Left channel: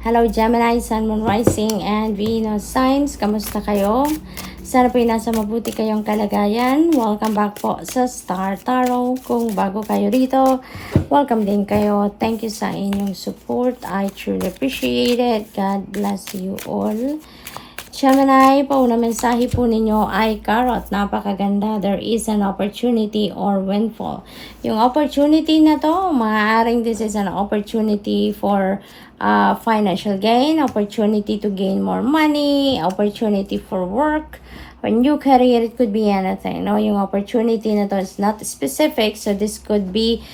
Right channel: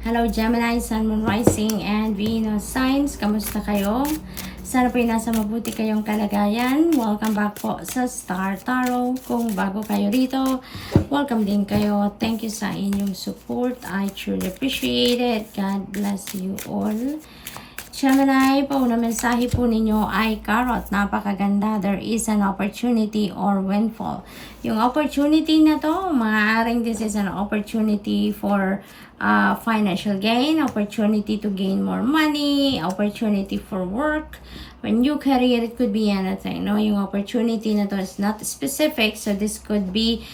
Hello Gemini, Sun, Moon, Rising, and Venus signs. Kamusta kayo? Sana po nasa mabuti kayong kalagayan. Welcome back po sa Star Tarot. Kung bago kayo rito, welcome din kayo. Thank you sa inyong support. I truly appreciate it. God bless you all. Gemini, pauna mensahe po ninyo ay Carrot. Napakaganda. There is an opportunity or windfall. Yung opportunity na to, maaaring this is an opportunity for financial gain, opportunity to gain more money, opportunity for work, a new career. It could be anything. No, yung opportunity na to is not specific, so this could be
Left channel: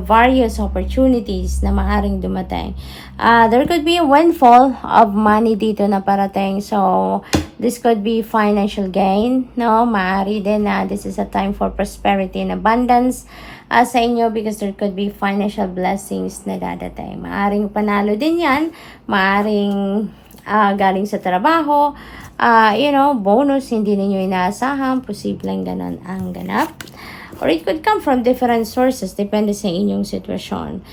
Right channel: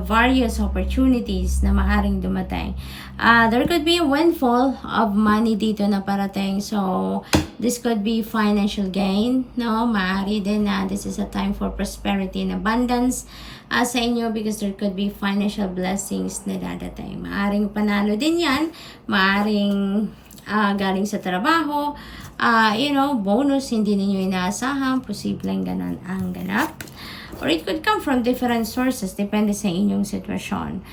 various opportunities na maaaring dumating. There could be a windfall of money dito na parating, so this could be financial gain. No, maaari din na this is a time for prosperity and abundance sa inyo, because there could be financial blessings na dadating. Maaring panalo din yan, maaring galing sa trabaho, bonus hindi ninyo inaasahan, posibleng ganon ang ganap. Or it could come from different sources, depende sa inyong sitwasyon.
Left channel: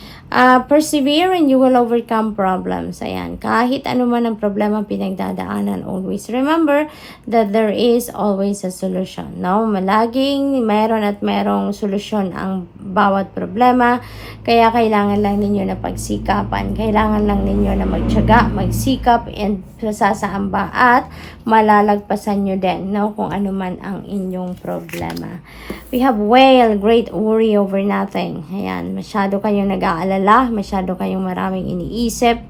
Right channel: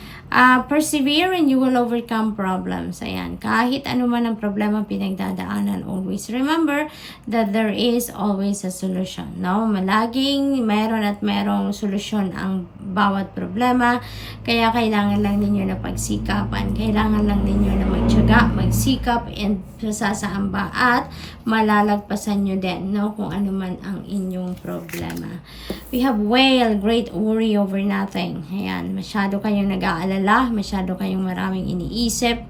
Persevere and you will overcome problems. Ayan, kahit ano man ang problema pinagdadaanan, always remember that there is always a solution. No? Malaging mayroon at mayroong solusyon ang bawat problema. Kaya kailangan lang ninyo na pagsikapan. Kailangan lang ninyo na magtiyaga, magsikap, and sasaamba at malalagpasan nyo din, no? Kung ano man ang inyong problema. We have Whale, great worry over nothing. Ayan, masyado kayong nag-aalala, masyado kayong maraming iniisip,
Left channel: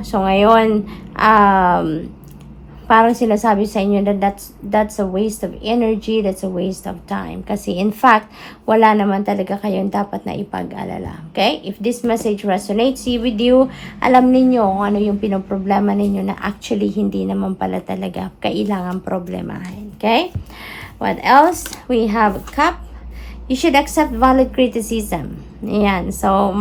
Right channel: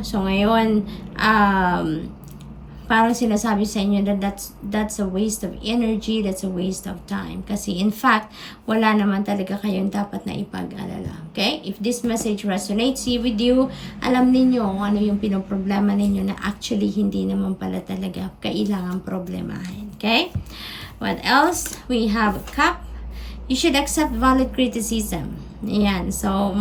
so ngayon, parang sinasabi sa inyo that that's a waste of energy, that's a waste of time. Kasi in fact, wala naman talaga kayong dapat na ipag-alala. Okay? If this message resonates with you, alam ninyo kung ano yung pinoproblema ninyo na actually hindi naman pala talaga kailangan problemahin. Okay? What else? We have Cup. You should accept valid criticism. Ayan. So,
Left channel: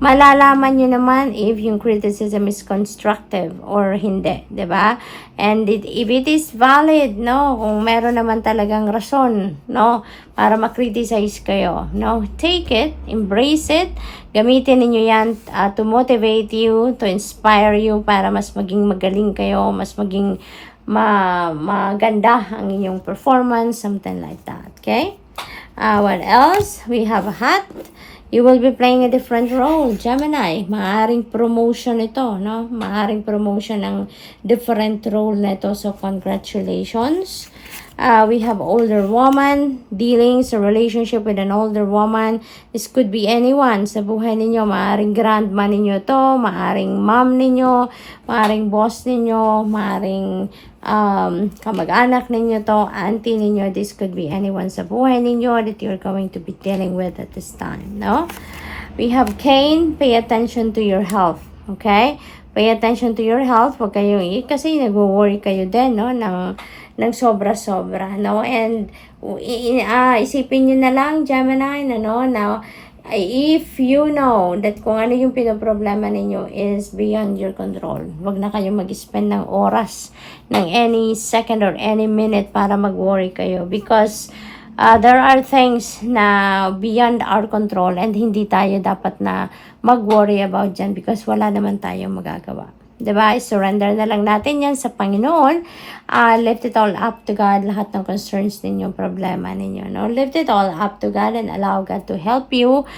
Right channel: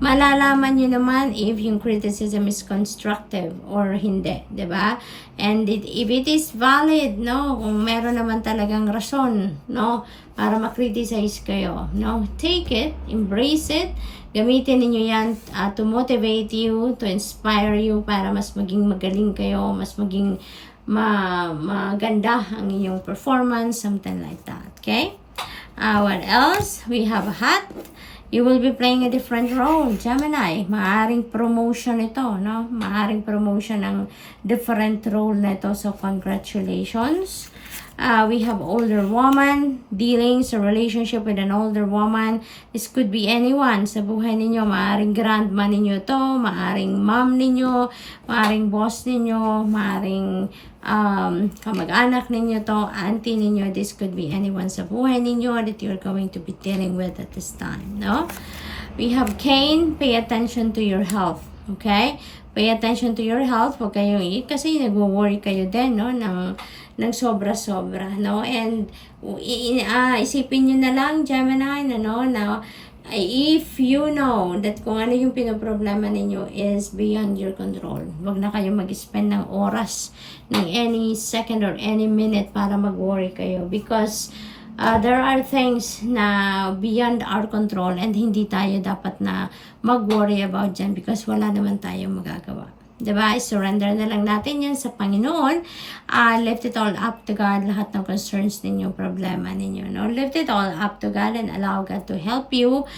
malalaman nyo naman if yung criticism is constructive or hindi. Diba? And if it is valid, no? Kung meron naman talagang rason, no? Para makriticize kayo, no? Take it, embrace it, gamitin ninyo yan to motivate you, to inspire you para mas maging magaling kayo, mas maging maganda ang inyong performance, something like that. Okay? What else? We have a Hat. You will be playing a different role, Gemini. Maaring promotion ito, no? Maaring promotion ng different role na ito. So, congratulations. We have older woman, dealings, a relationship with an older woman. This could be anyone sa buhay ninyo. Maaring grandma ninyo to, maaring mom ninyo, maaring boss ninyo, maaring kamag-anak ninyo to, auntie ninyo. This could be anyone sa buhay ninyo that you're going to be dealing with at this time, no? We have Cain. Pay attention to your health, okay? Pay attention to your health. Huwag kayong kasi nagwo-worry kayo din, no? Ng sobra-sobra, no? And isipin nyo na lang, Gemini, na if you know that kung ano yung pinoproblema ninyo is beyond your control, wag na kayo mag-spend ng oras, ng any second or any minute para mag-worry kayo, because there are things na beyond our control and hindi tayo dapat na mag-worry about dyan because wala naman tayong magagawa. Diba? Surrender na lang natin yan sa Panginoon. Lift it all up to God. Lahat ng concerns ninyo, problema ninyo, no? Lift it all up to God and allow God to help you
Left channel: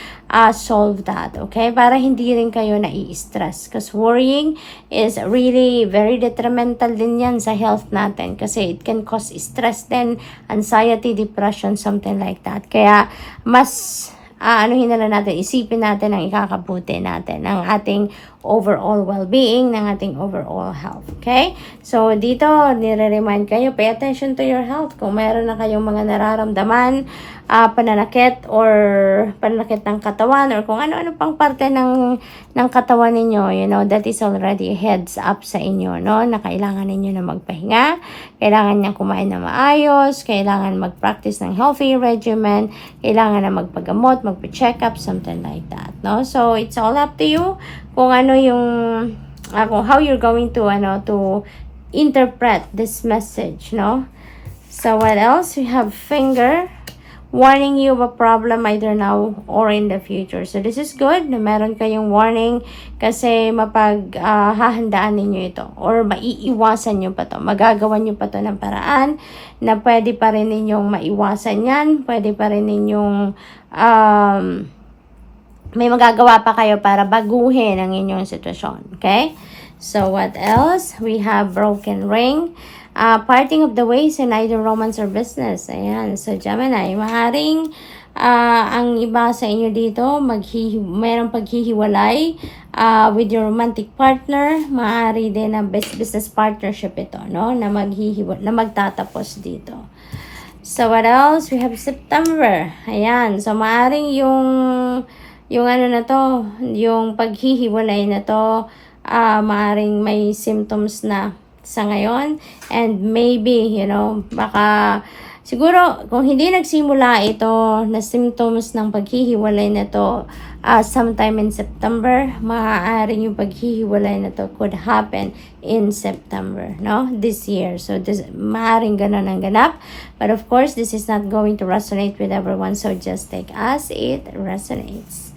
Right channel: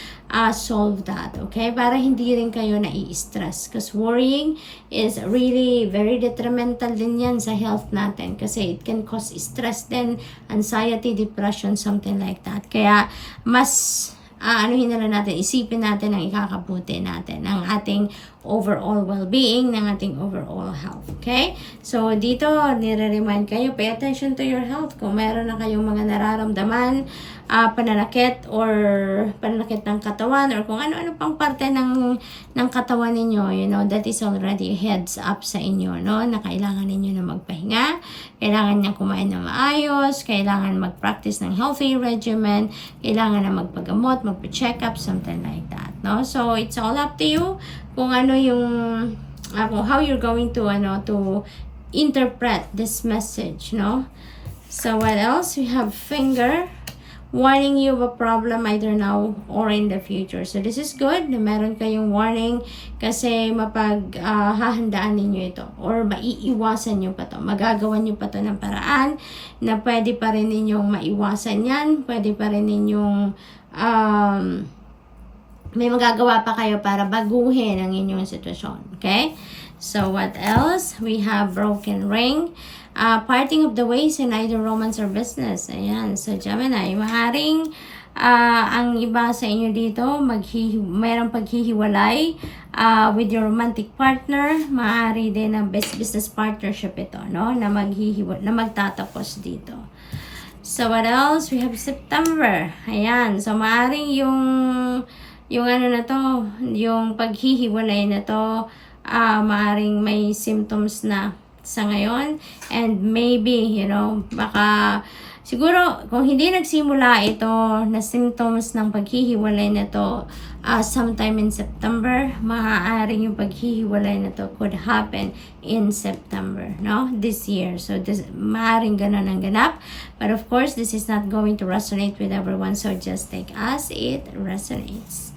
solve that. Okay? Para hindi rin kayo nai-stress. Because worrying is really very detrimental din yan sa health natin. Kasi it can cause stress din, anxiety, depression, something like that. Kaya mas anuhin na lang natin, isipin natin ang ikakabuti natin, ang ating overall well-being, ng ating overall health. Okay? So, dito, nire-remind kayo, pay attention to your health. Kung meron na kayong mga nararamdaman, pananakit or pananakit ng katawan or kung ano-ano pang parte ng katawan ninyo, that is already heads up sa inyo, no? Na kailangan ninyo na magpahinga, kailangan niya kumain na maayos, kailangan mag-practice ng healthy regimen, kailangan na magpagamot, magpa-check up, something like that, no? So, it's all up to you kung ano yung kung how you're going to to interpret this message, no? So, what else? We have Finger. warning you of a problem either now or in the future. So this is good na meron kayong warning kasi hahandaan ninyo ito or maiiwasan nyo pa to. Magagawa nyo pa to ng paraan na pwede pa rin ninyong maiwasan yan. Pwede pa rin ninyong may magagawa pa kayo para baguhin ang inyong sitwasyon. Okay? So what else? We have broken ring. Parting of the ways in either romance or business. Ayan. So, Gemini, maaaring ang iba sa inyo dito, mayroong paghihiwalay with your romantic partner. Maaari din na business partnership ito, no? Na magtatapos dito. So, what else? We have September. Ayan. So, maaaring yung ano na to, yung paghihiwalay na to, maaaring may symptoms na sa ngayon, and maybe, baka siguro kung hindi nagsimula ito na symptoms ng paghihiwalay na to sometime in September, maaaring yung paghihiwalay na to could happen in September, no? This year. So, maaaring ganun ang ganap. But of course, this is not going to resonate with everyone, so just take as it resonates.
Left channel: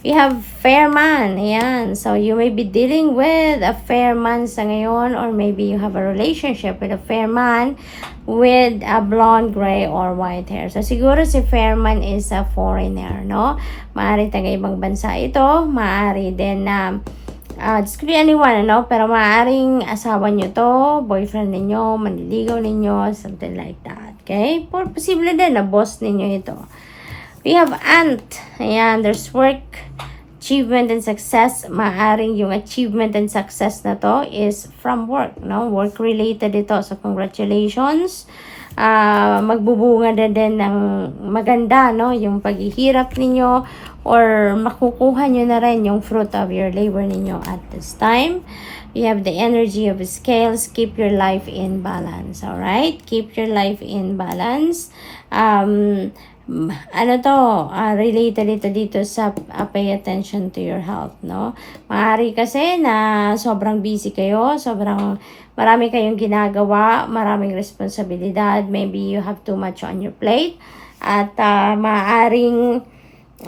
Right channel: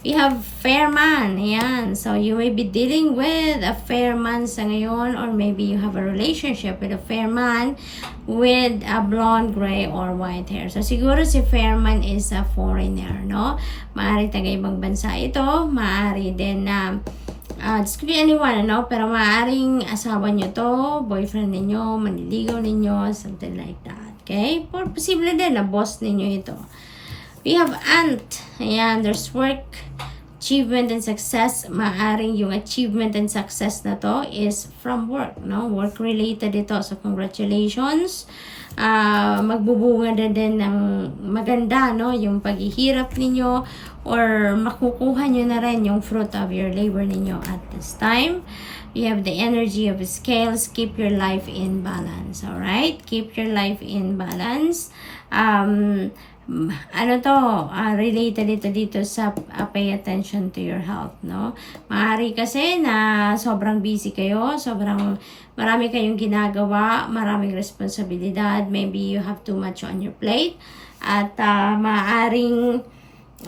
We have fair man. Ayan. So, you may be dealing with a fair man sa ngayon, or maybe you have a relationship with a fair man with a blonde, gray, or white hair. So, siguro si fair man is a foreigner, no? Maaari taga ibang bansa ito. Maaari din na this could be anyone, no? Pero maaaring asawa nyo to, boyfriend ninyo, manliligaw ninyo, something like that. Okay? Posible din na boss ninyo ito. We have ant. Ayan, there's work, achievement, and success. Maaring yung achievement and success na to is from work, no? Work-related ito. So, congratulations. Magbubunga din ng maganda, no? Yung paghihirap ninyo or makukuha nyo na rin yung fruit of your labor ninyo at this time. We have the energy of scales. Keep your life in balance. Alright? Keep your life in balance. Related ito dito sa pay attention to your health, no? Maaari kasi na sobrang busy kayo, sobrang marami kayong ginagawa, maraming responsibilidad, maybe you have too much on your plate, at maaaring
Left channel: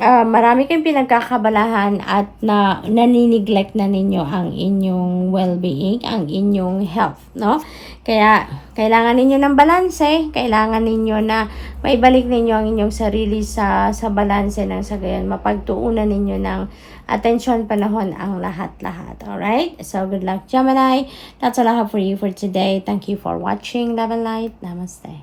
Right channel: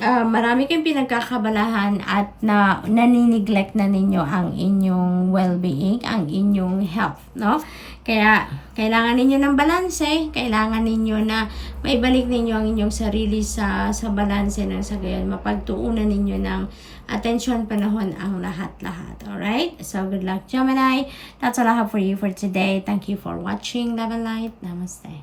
marami kayong pinagkakabalahan at naniniglect na ninyo ang inyong well-being, ang inyong health, no? Kaya, kailangan ninyo ng balanse, kailangan ninyo na maibalik ninyo ang inyong sarili sa balanse ng sa gayon, mapagtuunan ninyo ng atensyon, panahon, ang lahat-lahat. Alright? So, good luck, Gemini. That's all I have for you for today. Thank you for watching. Love and light. Namaste.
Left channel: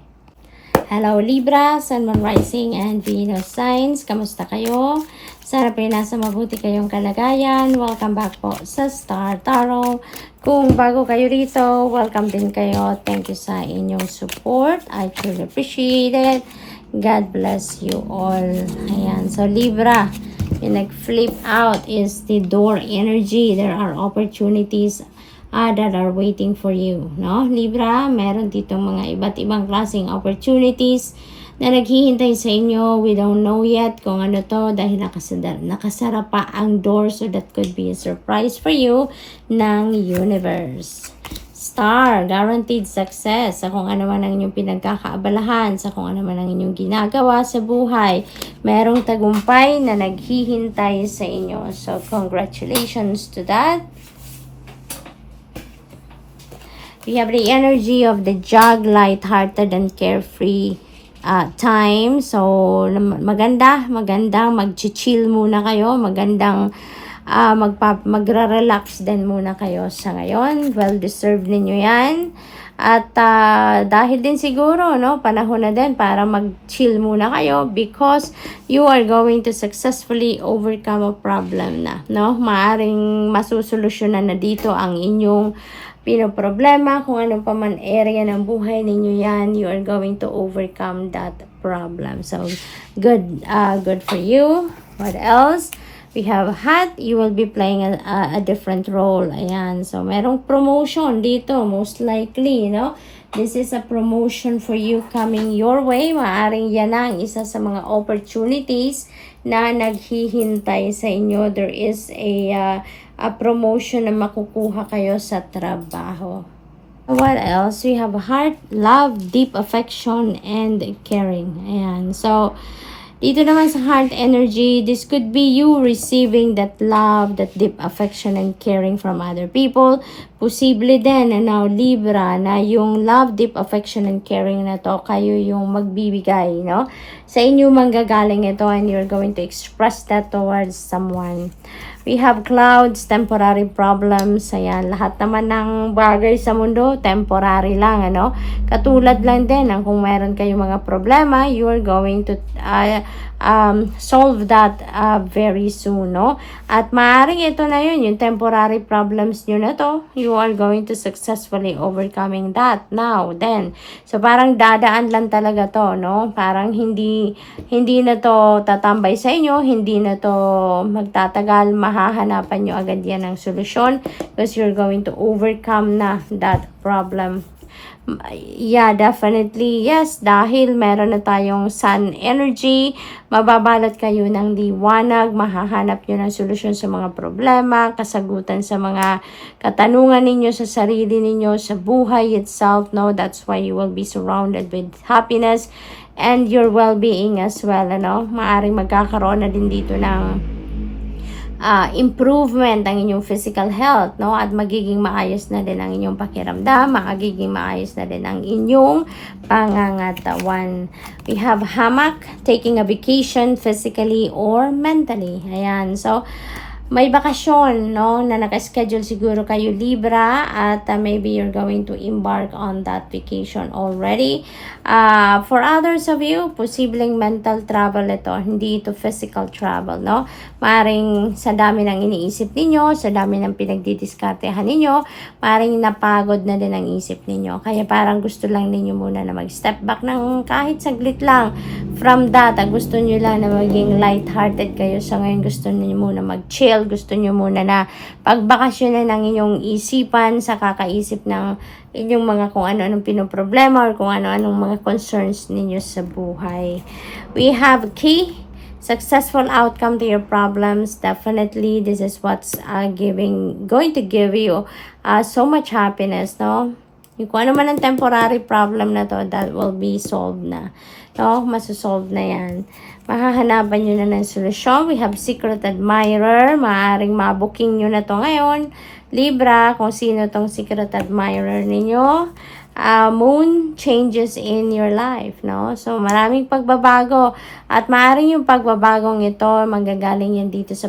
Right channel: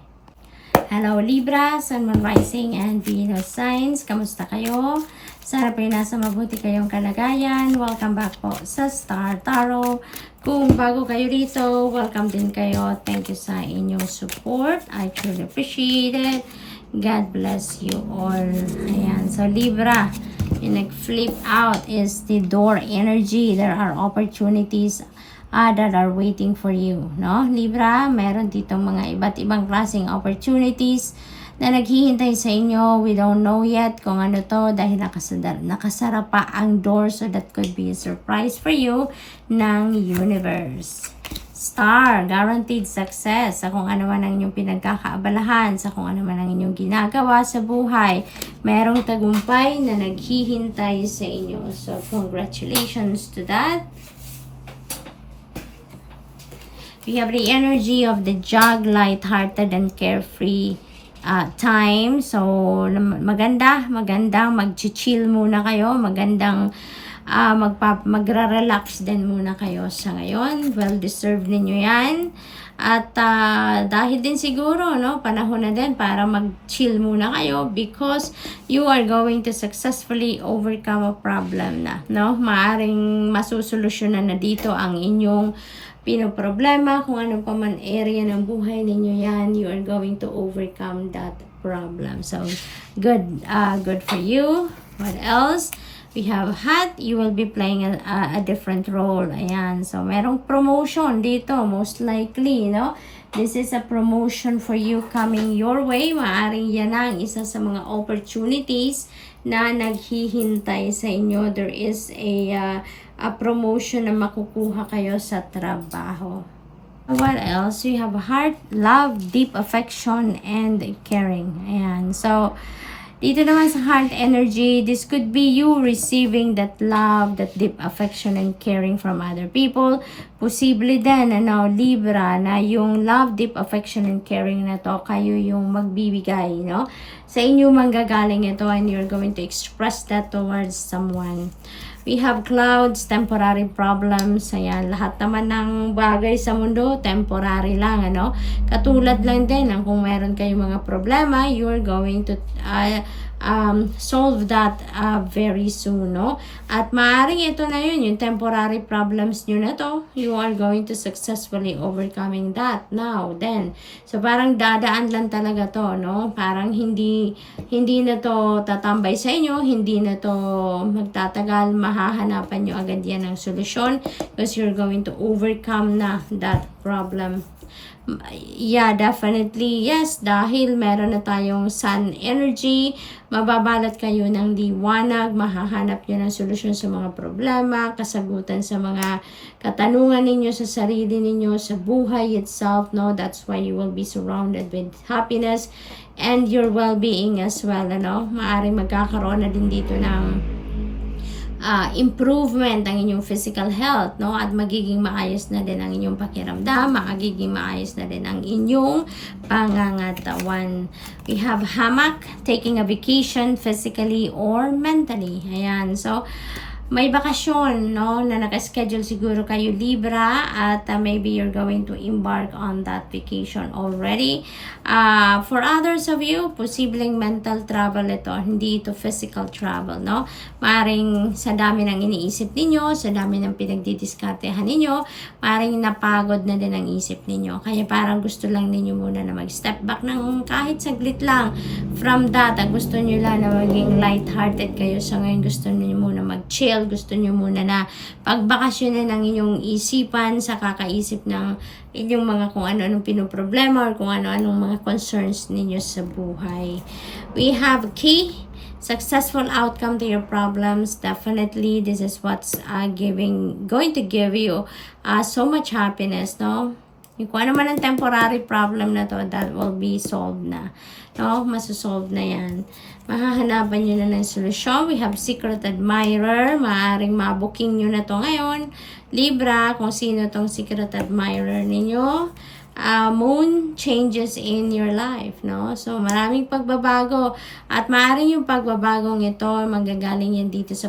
Hello Libra, Sun, Moon, Rising, and Venus signs. Kamusta kayo? Sana po nasa mabuti kayong kalagayan. Welcome back po sa Star Tarot. Kung bago kayo rito, welcome din kayo. Thank you sa inyong support. I truly appreciate it. God bless you all. Ayan. So Libra, yung nag-flip out is the door energy. There are opportunities that are waiting for you, no? Libra, meron ditong mga iba't ibang klaseng opportunities na naghihintay sa inyo. We don't know yet kung ano to dahil nakasara pa ang door, so that could be a surprise for you ng universe. Star, guaranteed success sa kung ano man ang inyong pinagkakaabalahan, sa kung ano man ang inyong ginagawa sa buhay. Merong tagumpay na naghihintay sa inyo. So, congratulations to that. We have the energy of the Jug, light-hearted and carefree time. So, maganda, mag-chill muna kayo, magandang magra-relax din muna kayo sa ngayon. Well-deserved ninyo yan. At dahil din siguro, no, panahon na din para mag-chill muna kayo because you are going to successfully overcome a problem na, no? Maaring masusolusyonan na dito ang inyong pinoproblema, kung anong pa man area ng buhay ninyo yan, you are going to overcome that problem. So, good for you. What else? We have hat. You will be playing a different role. Ayan. So, merong promotion dito, most likely, no? This is a promotion for you coming your way. Maaring yan ang isa sa mga opportunities na naghihintay sa inyo. There is a promotion na makukuha kayo sa trabaho. What else? We have heart, love, deep affection, and caring. Ayan. So, dito naman sa heart energy, this could be you receiving that love, that deep affection and caring from other people. Posible din, Libra, na yung love, deep affection and caring na to, kayo yung magbibigay, no? Sa inyo manggagaling ito and you're going to express that towards someone. We have clouds, temporary problems. Ayan, lahat naman ng bagay sa mundo, temporary lang, Katulad lang din, kung meron kayong mga problema, you are going to solve that very soon, no? At maaaring ito na yun, yung temporary problems nyo na to, you are going to successfully overcoming that now, then. So, parang dadaan lang talaga to, no? Parang hindi na to tatambay sa inyo, hindi na to magtatagal, mahahanapan nyo agad yan ng solusyon because you're going to overcome na that problem. Yeah, definitely. Yes, dahil meron na tayong sun energy, mababalot kayo ng liwanag, mahahanap nyo ng solusyon sa mga problema, kasagutan sa mga katanungan ninyo sa sarili ninyo, sa buhay itself, no? That's why you will be surrounded with happiness and your well-being as well, Maaring magkakaroon na din dito ng improvement ang inyong physical health, no? At magiging maayos na din ang inyong pakiramdam, magiging maayos na din ang inyong pangangatawan. We have hammock, taking a vacation physically or mentally. Ayan, so may bakasyon, no, na naka-schedule siguro kayo Libra at maybe you're going to embark on that vacation already. For others of you, posibleng mental travel ito, hindi ito physical travel, no? Maring sa dami ng iniisip ninyo, sa dami ng pinagdidiskartehan ninyo, maring napagod na din ang isip ninyo. Kaya parang gusto lang ninyo muna na mag-step back ng kahit saglit lang from that. Gusto nyo lang na maging light-hearted kayo. So ngayon gusto nyo muna mag-chill. Gusto nyo muna na pagbakasyonan ng inyong isipan sa kakaisip ng inyong mga kung ano-anong pinoproblema or kung ano-anong mga concerns ninyo sa buhay. We have key, successful outcome to your problems. Definitely, this is what's going to give you so much happiness, no? Kung ano man ang temporary problem na to, that will be solved na. No? Masosolve na yan. Mahahanapan nyo na ng solusyon. We have secret admirer. Maaaring mabuking nyo na to ngayon. Libra, kung sino tong secret admirer ninyo. Moon changes in your life, no? So, maraming pagbabago. At maaaring yung pagbabagong ito, manggagaling yan dito sa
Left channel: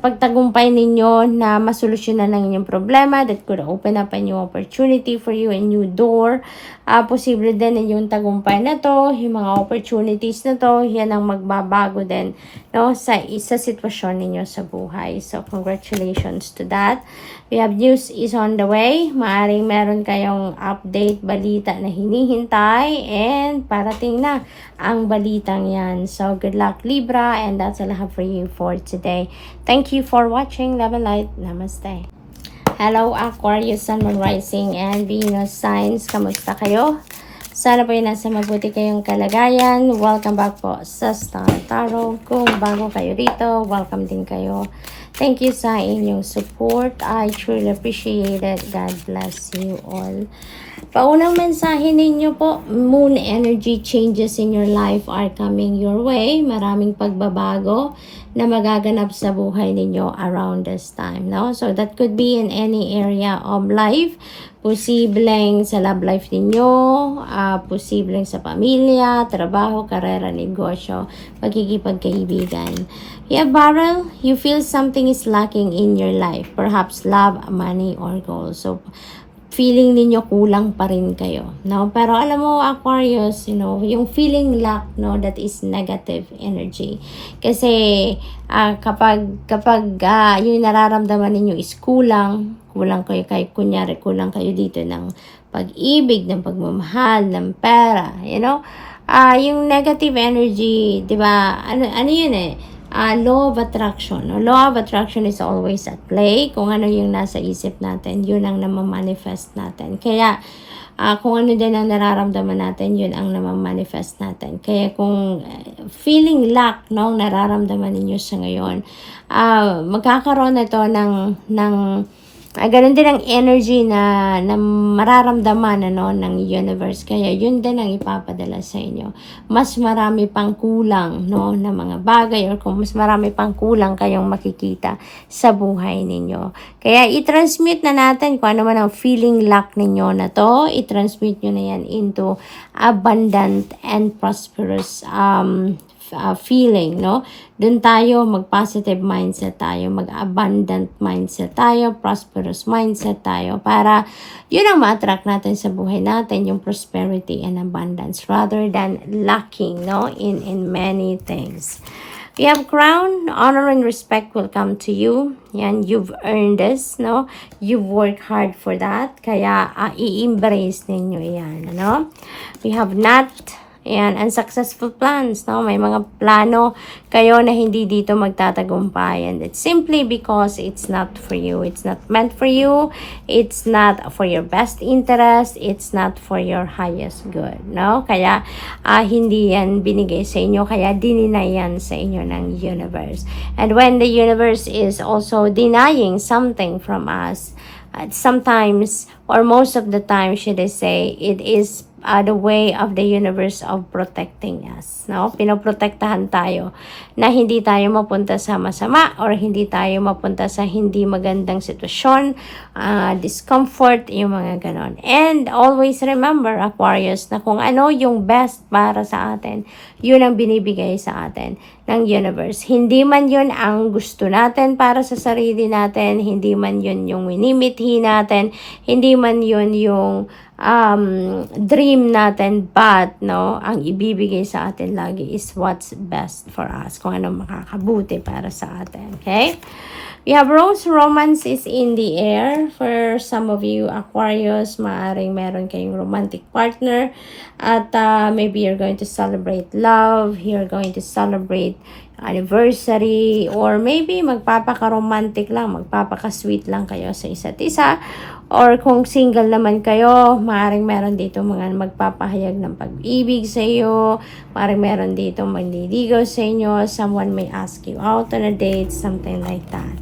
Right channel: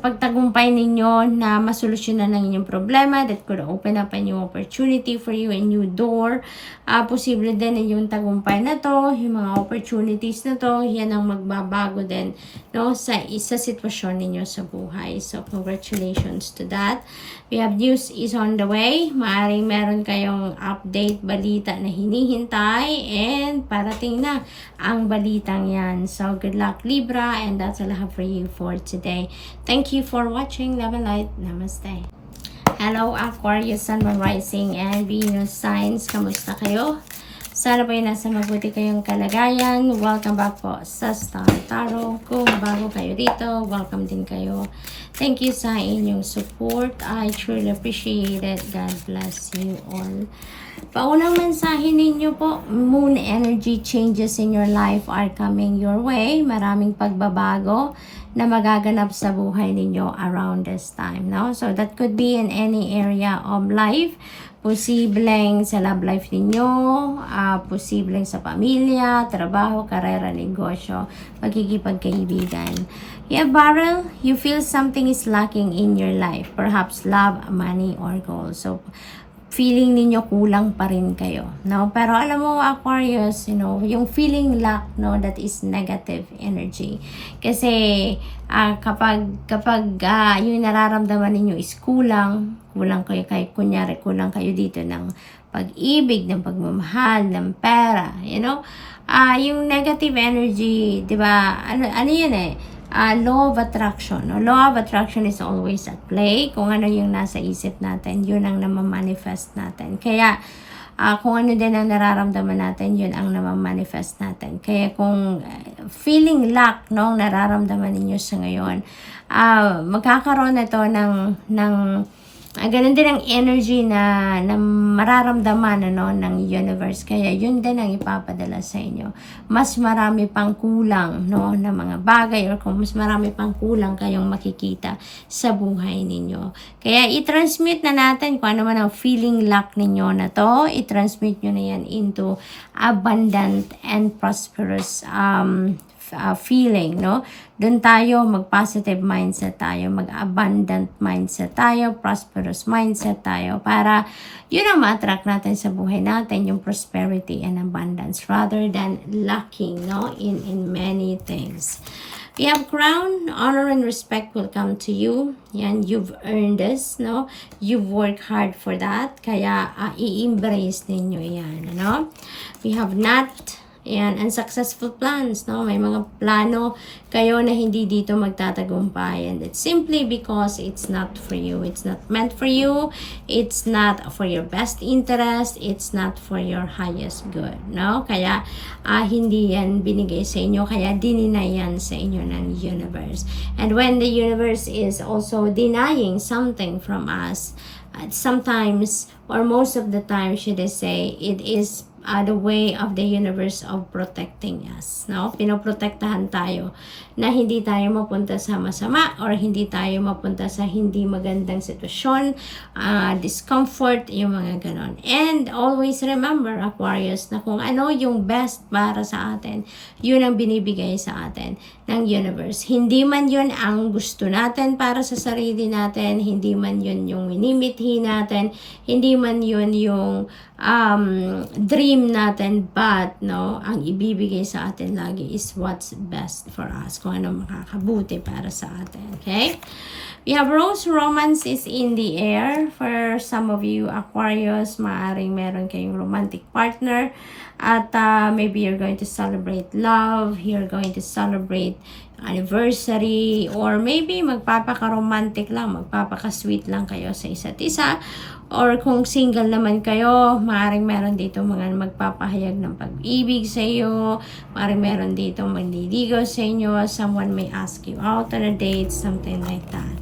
pagtagumpay ninyo na masolusyonan ng inyong problema. That could open up a new opportunity for you, a new door. Posible din na yung tagumpay na to, yung mga opportunities na to, yan ang magbabago din, no, sa sitwasyon ninyo sa buhay. So, congratulations to that. We have news is on the way. Maaring meron kayong update, balita na hinihintay, and parating na ang balitang yan. So, good luck Libra, and that's all I have for you for today. Thank you for watching. Love and light. Namaste. Hello Aquarius, Sun, Moon, Rising, and Venus signs. Kamusta kayo? Sana po yung nasa mabuti kayong kalagayan. Welcome back po sa Star Tarot. Kung bago kayo rito, welcome din kayo. Thank you sa inyong support. I truly appreciate it. God bless you all. Paunang mensahe ninyo po, moon energy changes in your life are coming your way. Maraming pagbabago na magaganap sa buhay ninyo around this time, no? So that could be in any area of life. Posibleng sa love life ninyo, posibleng sa pamilya, trabaho, karera, negosyo, pagkikipagkaibigan. Yeah, Barrel, you feel something is lacking in your life. Perhaps love, money, or goals. So, feeling ninyo kulang pa rin kayo, no? Pero alam mo, Aquarius, yung feeling lack, no, that is negative energy. Kasi kapag yung nararamdaman ninyo is kulang kayo, kunyari kulang kayo dito ng pag-ibig, ng pagmamahal, ng pera, yung negative energy, 'di ba? Ano yun law of attraction. No? Law of attraction is always at play. Kung ano yung nasa isip natin, yun ang namamanifest natin. Kaya, kung ano din ang nararamdaman natin, yun ang namamanifest natin. Kaya kung feeling lack, no, nararamdaman ninyo sa ngayon, magkakaroon na ito ng Ganun din ang energy na mararamdaman ng universe. Kaya yun din ang ipapadala sa inyo. Mas marami pang kulang na mga bagay, or kung mas marami pang kulang kayong makikita sa buhay ninyo. Kaya i-transmute na natin kung ano man ang feeling lack ninyo na to. I-transmute nyo na yan into abundant and prosperous feeling, Doon tayo, mag-positive mindset tayo, mag-abundant mindset tayo, prosperous mindset tayo, para yun ang ma-attract natin sa buhay natin, yung prosperity and abundance, rather than lacking, in many things. We have crown, honor and respect will come to you. Yan, you've earned this, You've worked hard for that. Kaya, i-embrace ninyo yan, We have not, and unsuccessful plans, May mga plano kayo na hindi dito magtatagumpay. And it's simply because it's not for you. It's not meant for you. It's not for your best interest. It's not for your highest good, Kaya, hindi yan binigay sa inyo. Kaya, dininay yan sa inyo ng universe. And when the universe is also denying something from us, sometimes, or most of the time, should I say, it is the way of the universe of protecting us, Pinoprotektahan tayo na hindi tayo mapunta sa masama, or hindi tayo mapunta sa hindi magandang sitwasyon, discomfort, yung mga ganon. And always remember, Aquarius, na kung ano yung best para sa atin, yun ang binibigay sa atin ng universe. Hindi man yun ang gusto natin para sa sarili natin, hindi man yun yung minimithi natin, hindi man yun yung dream natin, but ang ibibigay sa atin lagi is what's best for us, kung ano makakabuti para sa atin. Okay, we have rose. Romance is in the air for some of you Aquarius. Maaring meron kayong romantic partner, at maybe you're going to celebrate love, you're going to celebrate anniversary, or maybe magpapaka-romantic lang, magpapaka-sweet lang kayo sa isa't isa. Or kung single naman kayo, maaaring meron dito mga magpapahayag ng pag-ibig sa iyo, maaaring meron dito manliligaw sa inyo, someone may ask you out on a date, something like that.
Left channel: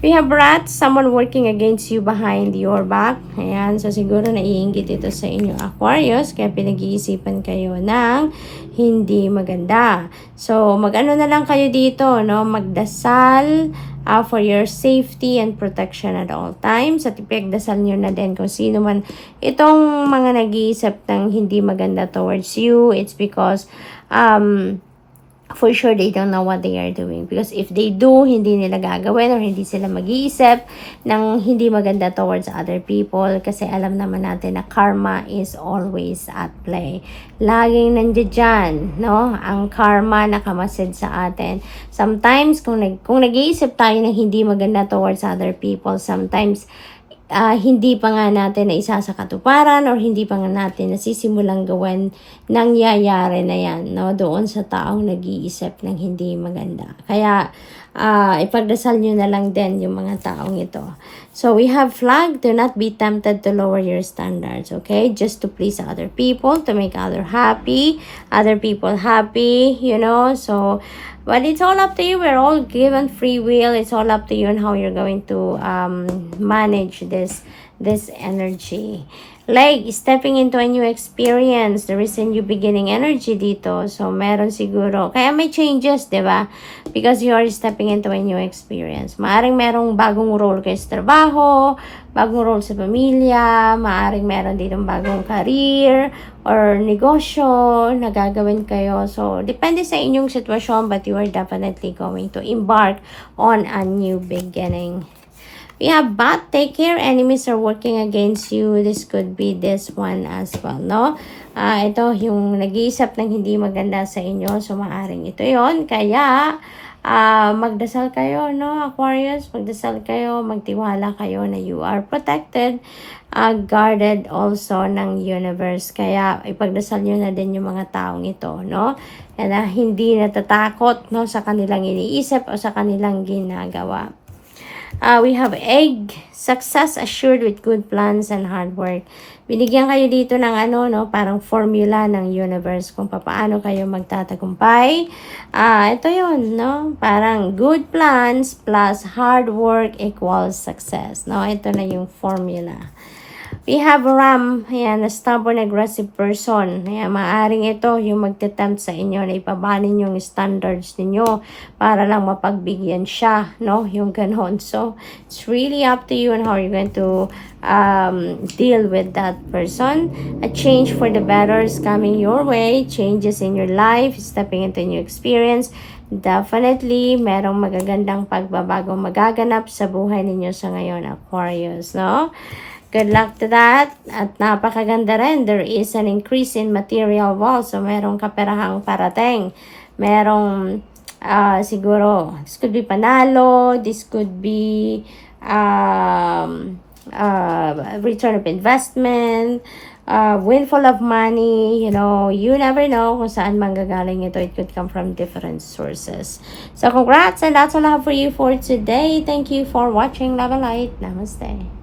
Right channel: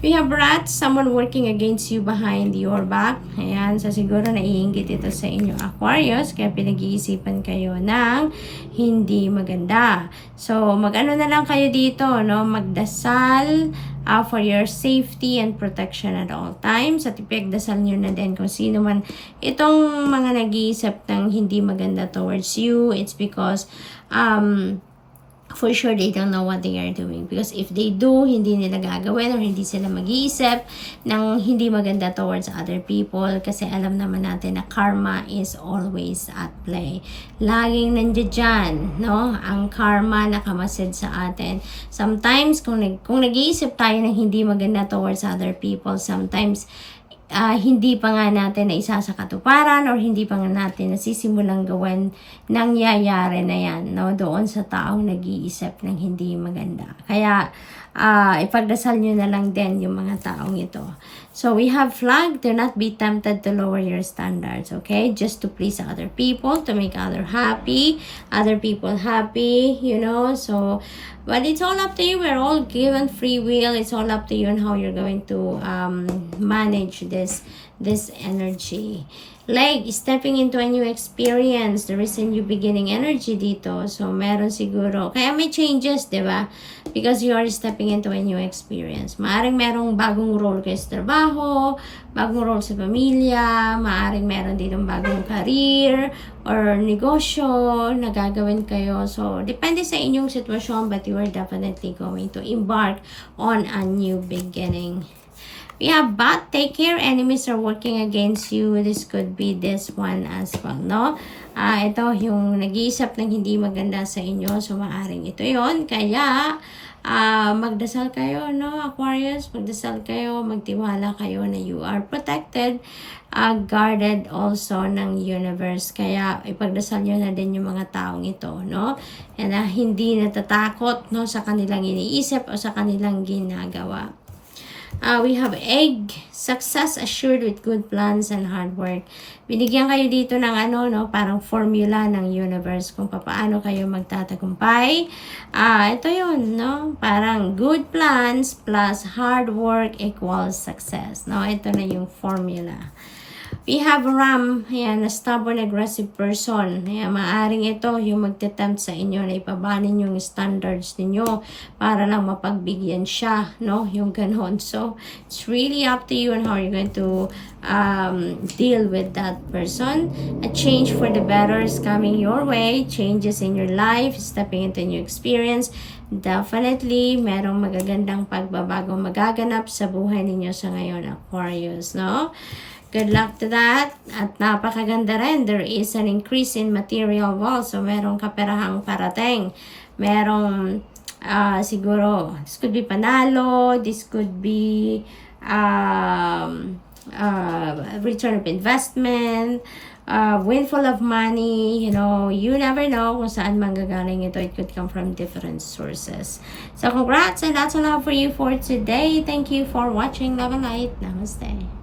We have rats, someone working against you behind your back. Ayan, so siguro naiinggit ito sa inyo Aquarius, kaya pinag-iisipan kayo ng hindi maganda. So, mag-ano na lang kayo dito, magdasal for your safety and protection at all times. At ipagdasal nyo na din kung sino man itong mga nag-iisip ng hindi maganda towards you. It's because for sure they don't know what they are doing, because if they do, hindi nila gagawin, or hindi sila mag-iisip ng hindi maganda towards other people, kasi alam naman natin na karma is always at play. Laging nandiyan, ang karma nakamasid sa atin. Sometimes kung nag-iisip tayo ng hindi maganda towards other people, sometimes hindi pa nga natin na isa sa katuparan, or hindi pa nga natin nasisimulang gawin, nangyayari na yan, doon sa taong nag-iisip ng hindi maganda. Kaya, ipagdasal nyo na lang din yung mga taong ito. So, we have flag, do not be tempted to lower your standards, okay? Just to please other people, to make other people happy, so, but it's all up to you. We're all given free will. It's all up to you on how you're going to manage this energy. Like, stepping into a new experience. There is a new beginning energy dito. So, meron siguro. Kaya may changes, di ba? Because you are stepping into a new experience. Maaring merong bagong role kayo sa trabaho, bagong role sa pamilya, maaring meron ditong bagong career, or negosyo na gagawin kayo. So, depende sa inyong sitwasyon, but you are definitely going to embark on a new beginning. We have bat, take care, enemies are working against you. This could be this one as well, ito, yung nag-iisip ng hindi maganda sa inyo, so maaring ito yon. Kaya, magdasal kayo, Aquarius, magdasal kayo, magtiwala kayo na you are protected, guarded also ng universe. Kaya, ipagdasal nyo na din yung mga taong ito, na hindi natatakot, sa kanilang iniisip o sa kanilang ginagawa. We have egg, success assured with good plans and hard work. Binigyan kayo dito ng parang formula ng universe kung paano kayo magtatagumpay. Ito yun, no? Parang good plans plus hard work equals success. No? Ito na yung formula. We have Ram, ayan, a stubborn, aggressive person. Ayan, maaring ito yung magtetempt sa inyo na ipabanin yung standards ninyo para lang mapagbigyan siya, no? Yung ganon. So, it's really up to you on how you're going to deal with that person. A change for the better is coming your way. Changes in your life, stepping into new experience. Definitely, merong magagandang pagbabagong magaganap sa buhay ninyo sa ngayon, Aquarius, no? Good luck to that. At napakaganda rin. There is an increase in material wealth. So, merong kaperahang parating. Merong, siguro, this could be panalo. This could be return of investment. Windfall of money. You know, you never know kung saan manggagaling ito. It could come from different sources. So, congrats and that's all I have for you for today. Thank you for watching. Love and light. Namaste.